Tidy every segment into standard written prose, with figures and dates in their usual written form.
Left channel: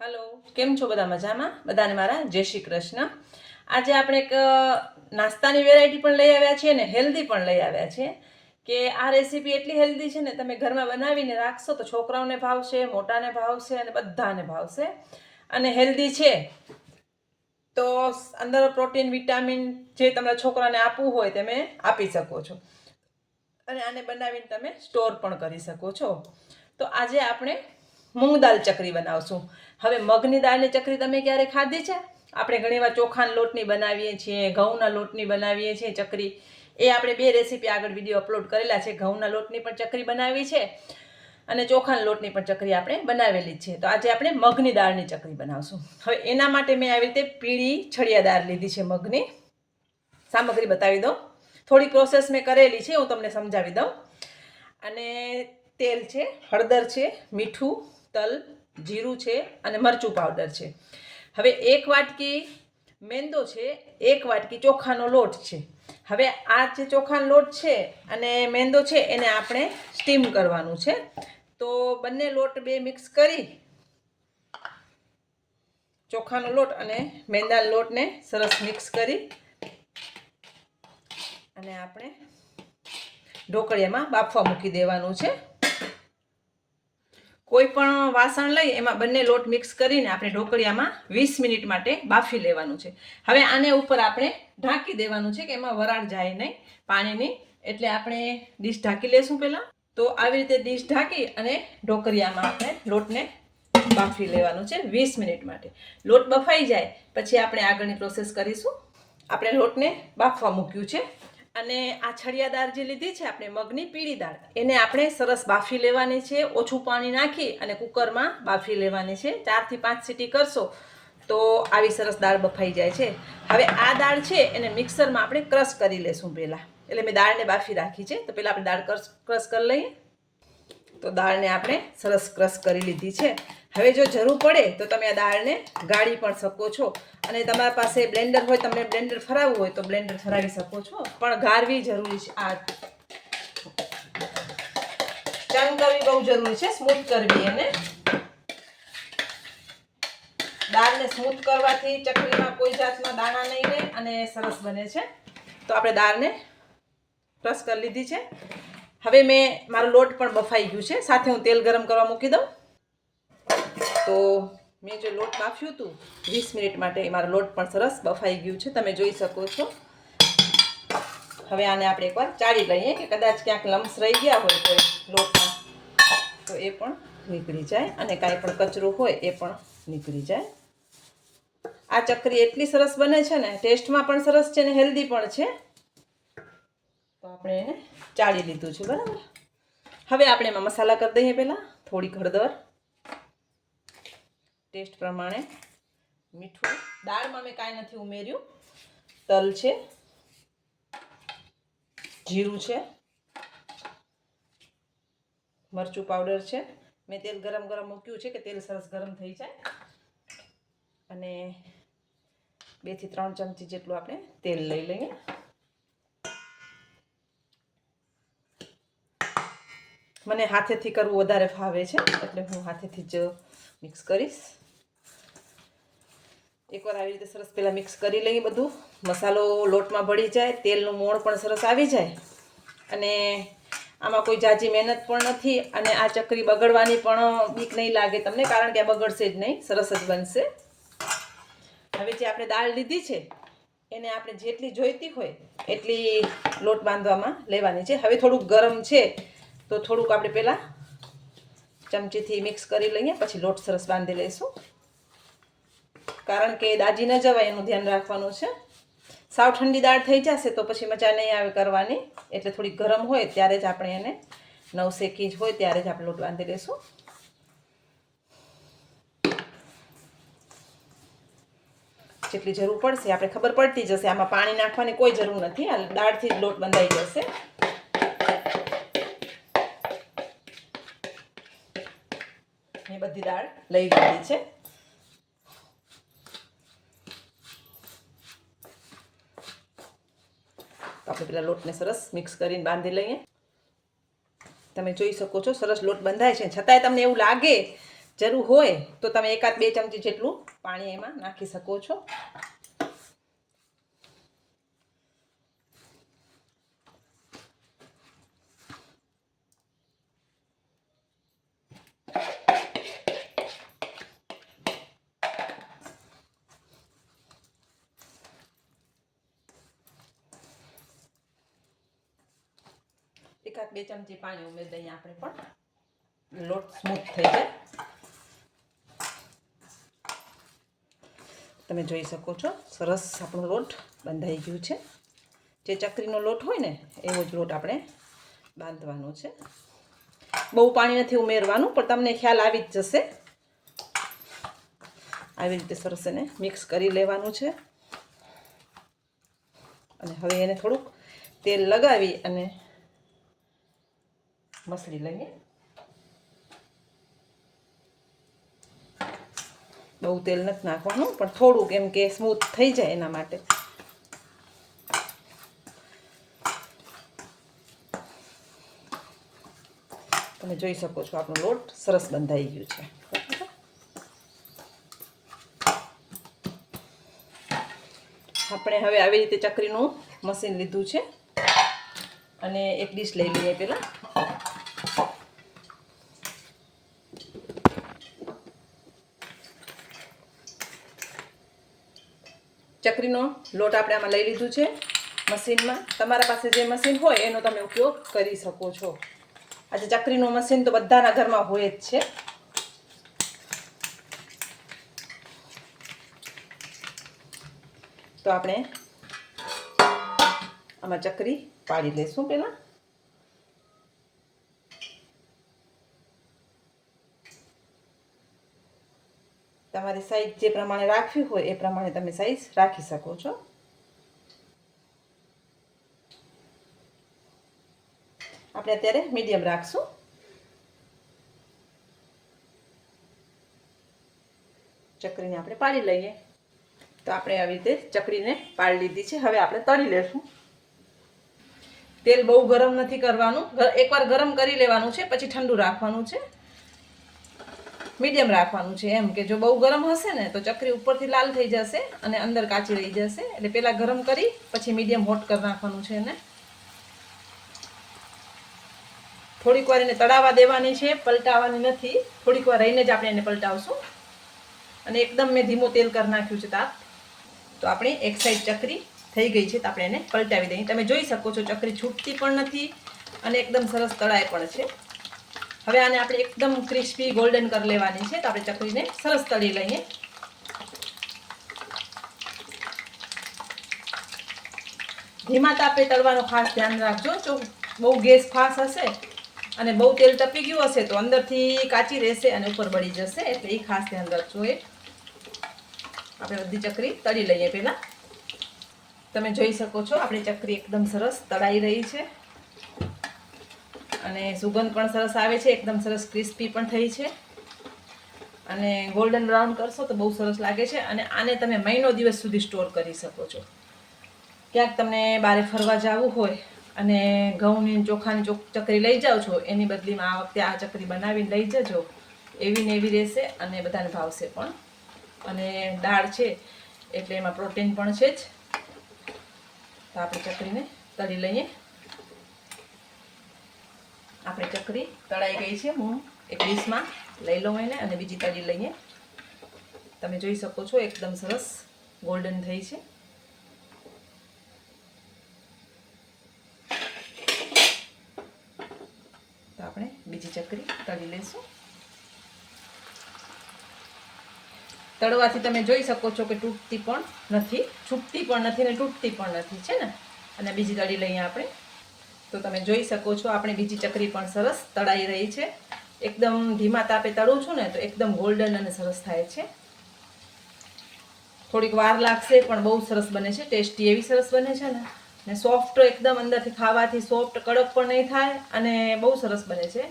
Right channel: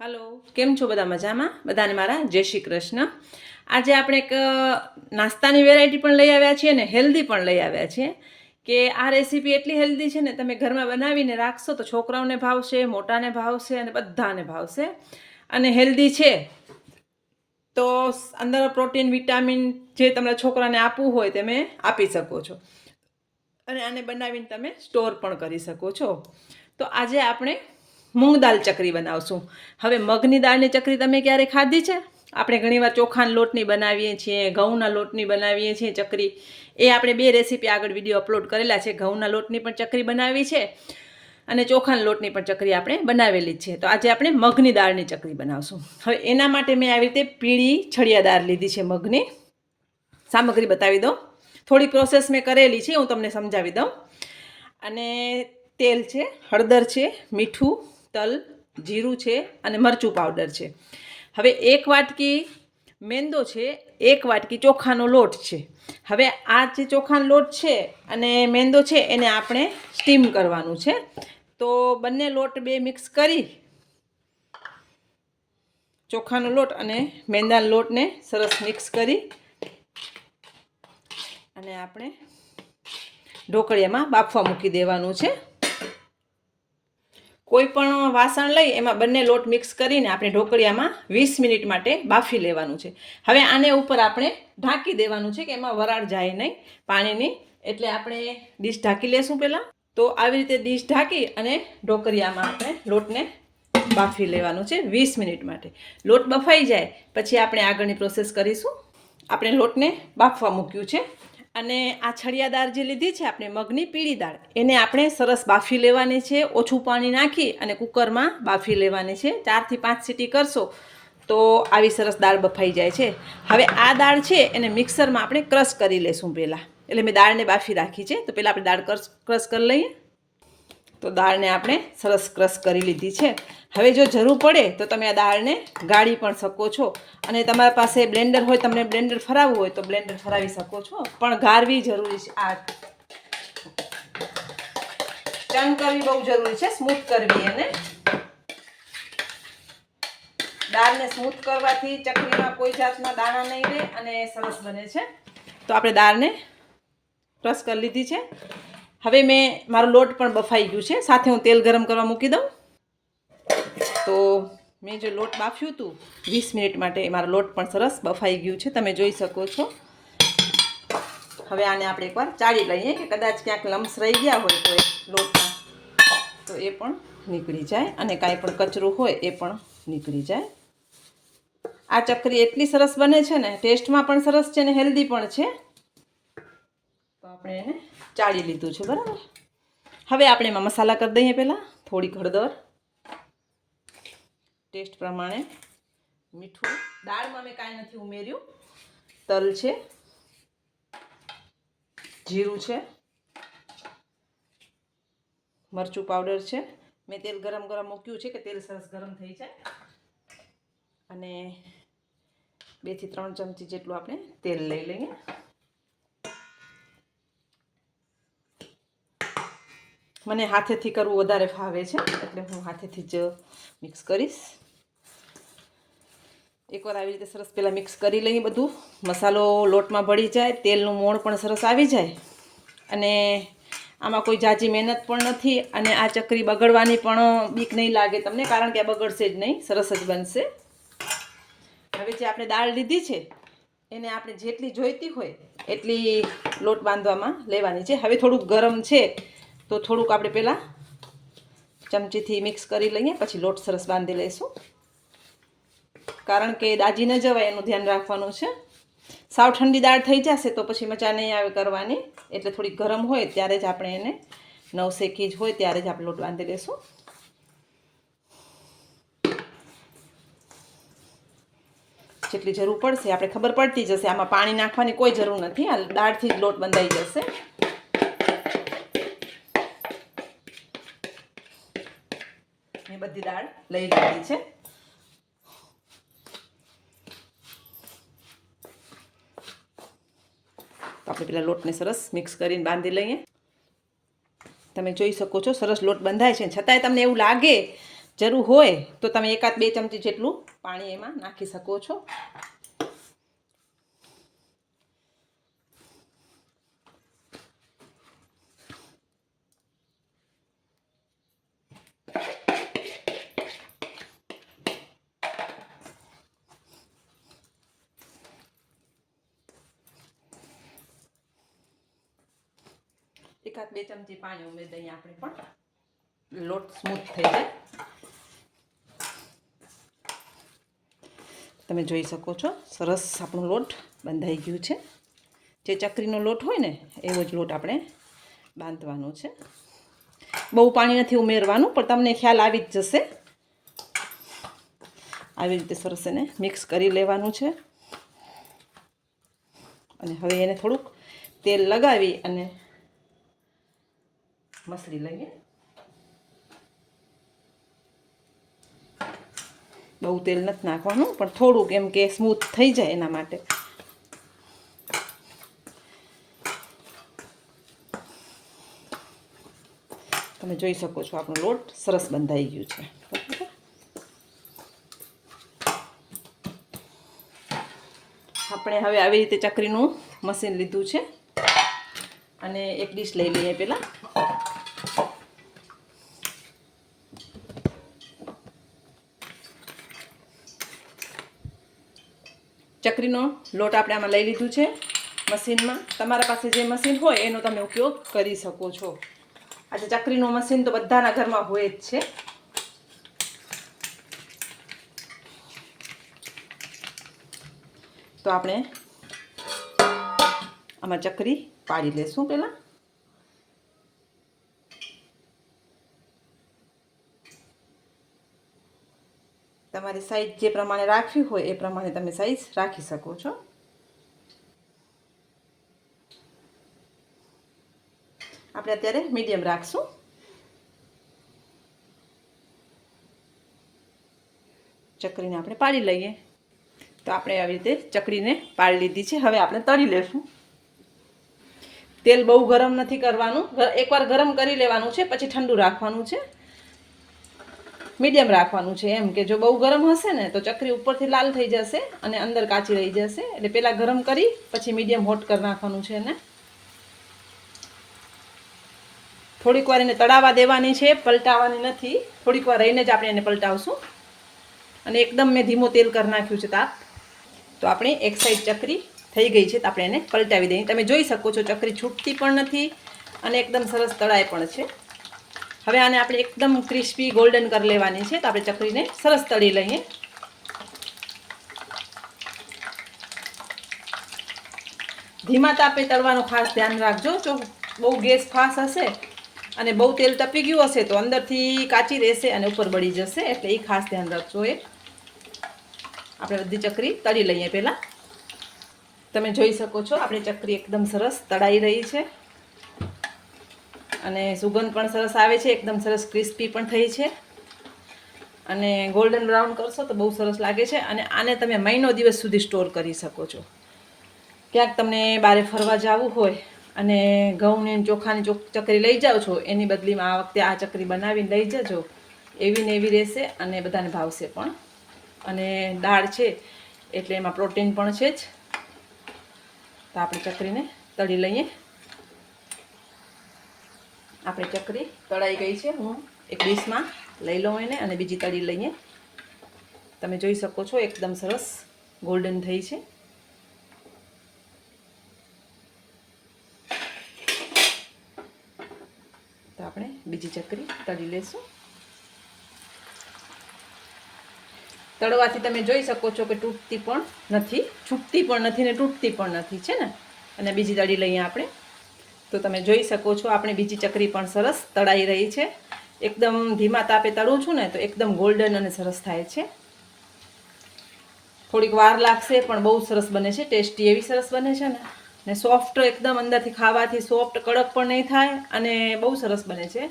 Hello केम छो बधा मजामां बधाने मारा जय श्री कृष्ण। आज આપણે એક નાસ્તાની વેરાયટી પણ લઈ આવ્યા છીએ ને હેલ્ધી પણ લઈ આવ્યા છીએ કે આ રેસીપી એટલી હેલ્ધી છે ને તમે ઘરમાં બનાવીને રાખશો તો છોકરાઓને ભાવશે, મોટાને ભાવશે અને બધાને ભાવશે અને હેલ્ધી છે તો અંદર પ્રોટીન વિટામિન જે તમારા છોકરાને આપવું હોય તમે આપી શકો છો અને આને બનાવીને તમે સ્ટોર પણ કરી શકો છો। તો આજે આપણે મૂંગ દાળ ચકરી બનાવશું। હવે મગની દાળની ચકરી તમે ક્યારે ખાધી છે? આપણે ઘણીવાર ચોખાના લોટની બનાવીએ છીએ, ઘઉંના લોટની બનાવીએ છીએ ચકરી। એ આપણે બે રેસીપી આગળ વિડીયો અપલોડ કરેલા છે। ઘઉંના લોટની પણ ચકરી બનાવી છે અને ચોખાના લોટની પણ ચકરી આપણે બનાવેલી છે। તો આજે આપણે મગની દાળની ચકરી બનાવશું। હવે એના માટે મેં આવી રીતે પીળી છડિયા દાળ લીધી છે મગની। સામગ્રી બતાવી દઉં, થોડી પ્રોસેસ મેં કરેલી છે, હું તમને સમજાવી દઉં। અને તેલ છે, હળદર છે, મીઠું, તલ, જીરું છે અને મરચું પાવડર છે। હવે એક વાટકી મેંદો છે, એક વાટકી ચોખાનો લોટ છે। હવે આ જે ચોખાનો લોટ છે અને મેંદો છે એને આપણે સ્ટીમ કરવાનું છે। તો બંને લોટ બે મિક્સ કરી ચોખાનો લોટ અને મેંદાના લોટને સરસ મિક્સ કરી અને આપણે ઢોકળિયામાં બાફવા મૂકી દેવાનું છે। કોઈ પણ વાસણ લઈ એમાં બંને લોટ મિક્સ કરીને આપણે ઢોકળિયામાં 20 મિનિટ માટે બાફી લેવાનું છે। હવે આને ઉપર આપણે ઢાંકી દેવાનું છે કે એમાં વરાળ જાય નહીં પાણીની, એટલે આપણે ડીશ ઢાંકી લેશું પહેલાં। તો આવી રીતે ડીશ ઢાંકી અને ઢોકળિયામાં આપણે લોટને બાફી લેવાનું છે 20 મિનિટ માટે। લોટ બફાઈ જાય પછી આપણે આગળની પ્રોસેસ કરીશું। આપણે લોટને બાફવા મૂક્યું છે અને આ છડિયા દાળ જે લીધી છે આપણે મગની પીળી દાળ, એને આપણે સરસ બાફી લેવાની છે। ઓછું પાણી નાખી અને કુકરમાં બાફી લેવાની છે। 4 થી 5 સીટી કરશો તો આવી સરસ દાળ બફાઈ જાય છે। હવે આ દાળ છે એને મિક્સરમાં આપણે ક્રશ કરી લેશું પહેલાં, એટલે મેં દાળને બાફી રાખી છે। તો પહેલાં આપણે દાળ ક્રશ કરી લઈએ। તો દાળને આપણે સરસ ક્રશ કરી લીધી છે। હવે જો જરૂર પડે તો તમે આ દાળને ગાળી પણ શકો છો અને તમારા પાસે બ્લેન્ડર હોય, તમને બ્લેન્ડર ફરાવવું હોય તો બ્લેન્ડર ફરાવી શકો છો, પણ ગાળવી જરૂરી છે। આ ચર્ન કરવી બહુ જરૂરી છે, સ્મૂથ કરવી એને। દાળને સ્મૂથ કરવાથી ચકરીમાં કોઈ જાતના દાણા નહીં રહે અને સરસ બને છે। તો આપણે દાળને ક્રશ કરી લીધી છે। હવે મારો લોટ પણ બફાઈ ગયું છે, સાથે હું તેલ ગરમ કરવા મૂકી દઉં। તો મેં જે લોટ બાફ્યું હતું 20 મિનિટ માટે, મારો લોટ પણ સરસ બફાઈ ગયું છે, તમે જોઈ શકો છો। હવે આને આપણે એકવાર ચાળી લઈએ કે કદાચ ક્યાંક લમ્સ રહી ગયા હોય તો લોટમાં તો એ પણ નીકળી જાય અને કાંઈ પણ કચરું હોય એ પણ નીકળી જાય। આ ચકરી એટલી સરસ બને છે ને, ટેસ્ટમાં પણ સરસ છે ને હેલ્ધી પણ છે। તો આપણે એને ચાળી લીધું છે, બરાબર। હવે આપણે એમાં મસાલા કરી દઈએ। પહેલાં થોડીક હળદર, ટેસ્ટ પ્રમાણે મીઠું, દાળમાં મેં કાંઈ નથી ઉમેર્યું, તલ છે, જીરું છે, મરચું પાવડર છે। મેં તેલ ગરમ મૂક્યું છે કે તેલ સરસ ગરમ થઈ જાય અને 2 થી 3 ચમચી જેટલું આપણે તેલ લઈ લઈએ। મને હાથેથી કરવું વધારે ફાવે છે એટલે હું હાથેથી જ મિક્સ કરીશ। એકવાર આવી રીતે સરસ પહેલાં મિક્સ કરી લઈએ, બધું મસાલો લોટમાં ભળી જાય, તેલનું મોણ પણ સરસ આવી જાય અને આમાં કોઈ જાજી મહેનત પણ નથી અને આ ચકરી બગડવાની પણ બીક નહીં લાગે તમને, કારણ કે આ બગડશે જ નહીં, સરસ જ બનશે। હવે જે આપણે દાળ લીધી છે એને આપણે જેટલી જોઈતી હોય એટલી લોટ બાંધવામાં લેવાની છે। હવે થોડુંક ગરમ છે તો થોડુંક આપણે પહેલાં ચમચીથી મિક્સ કરી લઈએ, પછી લોટ સરસ બાંધી લઈશું, કારણ કે દાજી ન જવાય એનું ધ્યાન રાખવાનું છે। સાવ ઠંડી દાળ થઈ જશે તો પછી મજા નહીં આવે કરવાની, એટલે થોડી ગરમ હોય ત્યારે જ આપણે એને નવશેકી જ હોય ત્યારે જ આપણે લોટ બાંધી લઈશું। જેટલી જરૂર પડશે આપણે ખબર પડતી જશે, આમાં પાણી નાખવાની કોઈ જરૂર નથી, આ દાળથી જ લોટ બંધાઈ જશે। મેં બધી દાળ લઈ લીધી છે। તો આપણે પેલા લોટને સરસ મિક્સ કરીને બાંધી લઈએ। તમે જોઈ શકો છો સરસ લોટ બંધાય છે, છતાંય તમને એવું લાગે જરૂર હોય તો તમે 1-2 ચમચી જેટલું પાણી એમાં નાખી શકો છો. એકાદ 2 ચમચી પાણી ઉમેરી દઈએ આપણે પણ લોટ સ્મૂથ થઈ જાય. તમે જોઈ શકો છો સરસ આપણો લોટ બંધાઈ ગયું છે. જે ચકરીનો લોટ હોય ને એવો જ લોટ આપણે બાંધવાનો છે. બહુ પાણી નથી ઉમેરવાનું, પણ તમને ખ્યાલ આવી જ જશે. આવી રીતે સરસ એને મિક્સ કરી લેવાનું છે. અને હવે એને થોડુંક તેલ લગાવી અને મસળી લઈએ. બહુ તેલ નથી નાખવાનું, પણ થોડુંક એમ કે સ્મૂથ થઈ જાય એના માટે. તમે જોઈ શકો છો આપણો લોટ સરસ બંધાઈ ગયું છે. આપણે હવે આવી રીતે ચકરીનું મશીન લીધું છે અને એક ડીશ લઈ લઈએ. પહેલાં ચકરીનો લોટ આપણે આમાં લઈ લીધું છે મશીનમાં. તમારા પાસે જે મશીન હોય એનો તમે ઉપયોગ કરી શકો છો. આજે ચકરીનું મશીન તો બધાના ઘરમાં હોય જ છે. તો આપણે આમાં ચકરી પાડી લેશું. પહેલાં તમારી સાઈઝ જે પ્રમાણે રાખવી હોય એ પ્રમાણે તમે સાઈઝ રાખી શકો છો. આપણે અત્યારે મીડિયમ રાખશું. ચકરીને આપણે પાડી લઈએ. તો આપણે આવી રીતે ચકરીને પાડી લીધી છે. હવે આપણે તળી લેશું. તેલ બહુ ગરમ નથી કરવાનું, એકવાર ગરમ કરી લેવાનું છે, પછી ઠંડુ રાખવાનું છે. મીડિયમ રાખવાનું છે. એમ કે જો બહુ ગરમ હશે ને તો ચકરી ઉપરથી લાલ થઈ જશે અને અંદર કાચી રહી જશે. એટલે પહેલાં ગરમ કરી પછી મીડિયમ હોટ કરી નાખવાનું છે. એને થોડીક વાર એને તળાવવા દેવાની છે, પલટાવવાની નથી. થોડીક વાર રહીને જ આપણે એને પલટાવશું. અને એકદમ મેં ધીમો તેલ કરી નાખ્યું છે તાપ. તો આપણી એક સાઈડ ચકરી થઈ ગઈ છે. તો આપણે એને પલટાવી દઈએ. તમે જોઈ શકો છો ચકરી છૂટતી પણ નથી અને એકદમ સરસ તળાઈ પણ છે. હવે આને આપણે એકદમ ક્રિસ્પી ગોલ્ડન કરી લેવાની છે. તો આપણે ચકરીને સરસ તળી લઈએ. ધીમા તાપે તળવાનું ખાસ ધ્યાન રાખજો. જો બહુ ગેસ ફાસ્ટ હશે અને બહુ તેલ તપી ગયું હશે તો અંદરથી કાચી રહેશે અને ઉપર બળી જશે. એટલે એ ખાસ ધ્યાન રાખજો. આપણે બધી ચકરી તળી લઈએ. પહેલાં તમે જોઈ શકો છો આપણી ચકરી એકદમ સરસ તળાઈ રહી છે અને સુગંધ પણ સરસ આવે છે. એકદમ સરસ ક્રિસ્પી પણ થઈ છે અને ગોલ્ડન બ્રાઉન કરશો તો બહુ સરસ લાગે છે. અને આને તમે મહિનો દિવસ સુધી સ્ટોર કરી શકો છો. ક્યાંક તમને બહાર ફરવા જવું હોય અને ઘઉંની ચોખાની ચકરી લઈ જાઓ છો, એની બદલીમાં આ વખતે આ ચકરી બનાવીને લઈ જજો. એવી ને એવી રહેશે અને બધાને ભાવશે પણ. અને દાળ છે એટલે એમાં પ્રોટીન પણ છે જ. તો આપણે ચકરીને તળી લઈએ. આપણી ચકરી તળાઈ ગઈ છે. હું એક ડીશમાં લઈ લઉં એને અને બીજી તળી લઈએ. તમે જોઈ શકો છો એકદમ સરસ ગોલ્ડન થઈ છે. તો આપણે બીજી ચકરી તળી લેશું. તળવાથી તમે જોઈ શકો છો કે તૂટતી પણ નથી, છૂટતી પણ નથી ને તૂટતી પણ નથી, છે ને. અને બીજી તળી લઈએ આપણે. તો તમે જોઈ શકો છો આપણી બીજી ચકરી પણ સરસ તળાઈ રહી છે. એકદમ ધીમા તાપે તળું છું ને તો એકદમ ગોલ્ડન અને સરસ થાય છે. થોડીક વાર લાગશે પણ બહુ સરસ બને છે. ટેસ્ટી એવી સરસ બને છે ને સોફ્ટ એકદમ અંદરથી ખાવાથી સોફ્ટ કડક પણ નહીં થાય અને બહુ સરસ બને છે.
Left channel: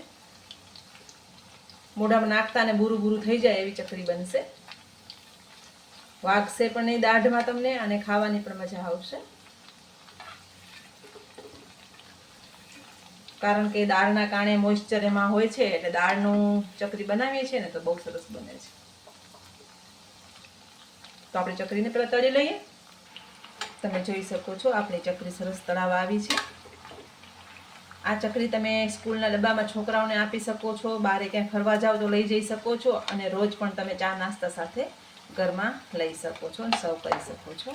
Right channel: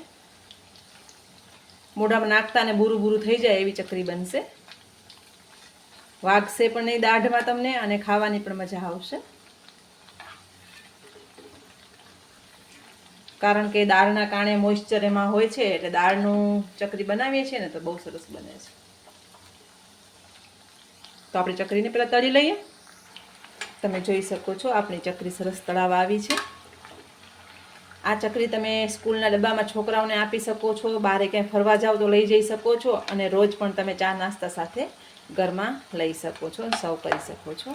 મોઢામાં નાખતા ને બુરું બુરું થઈ જાય એવી ચકરી બનશે. વાગશે પણ નહીં દાઢમાં તમને અને ખાવાની પણ મજા આવશે. કારણ કે દાળના કારણે મોઇશ્ચર એમાં હોય છે, એટલે દાળનું ચકરી બનાવીએ છીએ ને તો બહુ સરસ બને છે. તો આપણે ચકરીને પહેલાં તળી લઈએ. તમે જોઈ શકો છો આપણી ચકરી સરસ તળાવા આવી છે. આ ચકરી તમે સ્કૂલના ડબ્બામાં છોકરાઓને આપી શકો છો, બહારે ક્યાંય ફરવા જાઓ તો લઈ જઈ શકો છો, અને રોજ પણ તમે ચા નાસ્તા સાથે ઘરમાં લઈ શકો છો, સર્વ કરી શકો છો.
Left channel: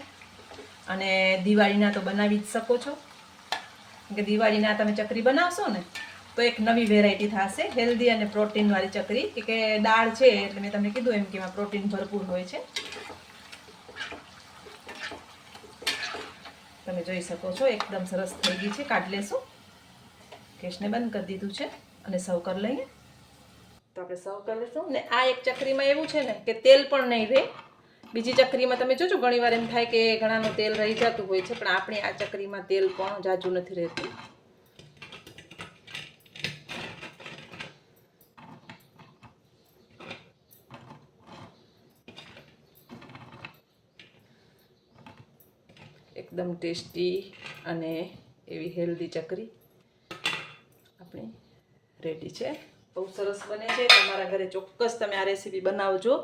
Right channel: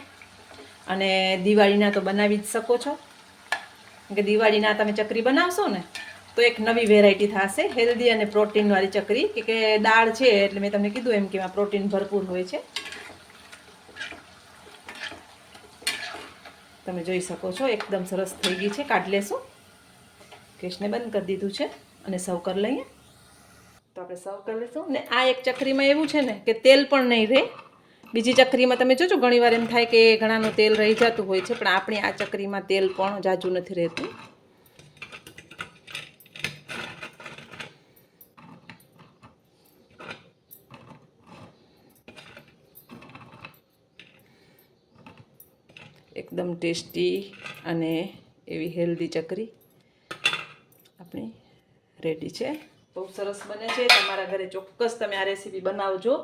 અને દિવાળીના તો બનાવી જ શકો છો, કે દિવાળીના તમે ચકરી બનાવશો ને તો એક નવી વેરાયટી થશે, હેલ્ધી અને પ્રોટીનવાળી ચકરી, કે દાળ છે એટલે મેં તમને કીધું એમ કે એમાં પ્રોટીન ભરપૂર હોય છે. તમે જોઈ શકો છો એકદમ સરસ થઈ ગઈ છે. કાઢી લેશું. ગેસને બંધ કરી દીધું છે અને સર્વ કરી લઈએ. તો આપણે સર્વ કરી લઈશું. ને આ એક ચકરીમાં એવું છે ને કે તેલ પણ નહીં રહે. બીજી ચકરીમાં તમે જોજો ઘણી વાર એમ થાય કે ઘણાનું તેલ રહી જતું હોય છે, પણ આપણી આ ચકરીમાં તેલ પણ જાજુ નથી રહેતું. એકદમ ટેસ્ટી અને એવી હેલ્ધી ચકરી આપણી રેડી છે. બહુ સરસ બને છે. તમારા ઘરે ચોક્કસ તમે આ રેસીપી બનાવજો,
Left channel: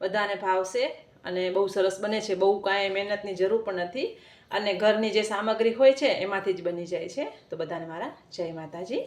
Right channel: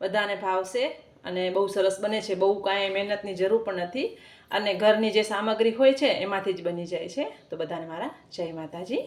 બધાને ભાવશે અને બહુ સરસ બને છે. બહુ કાંઈ મહેનતની જરૂર પણ નથી, અને ઘરની જે સામગ્રી હોય છે એમાંથી જ બની જાય છે. તો બધાને મારા જય માતાજી.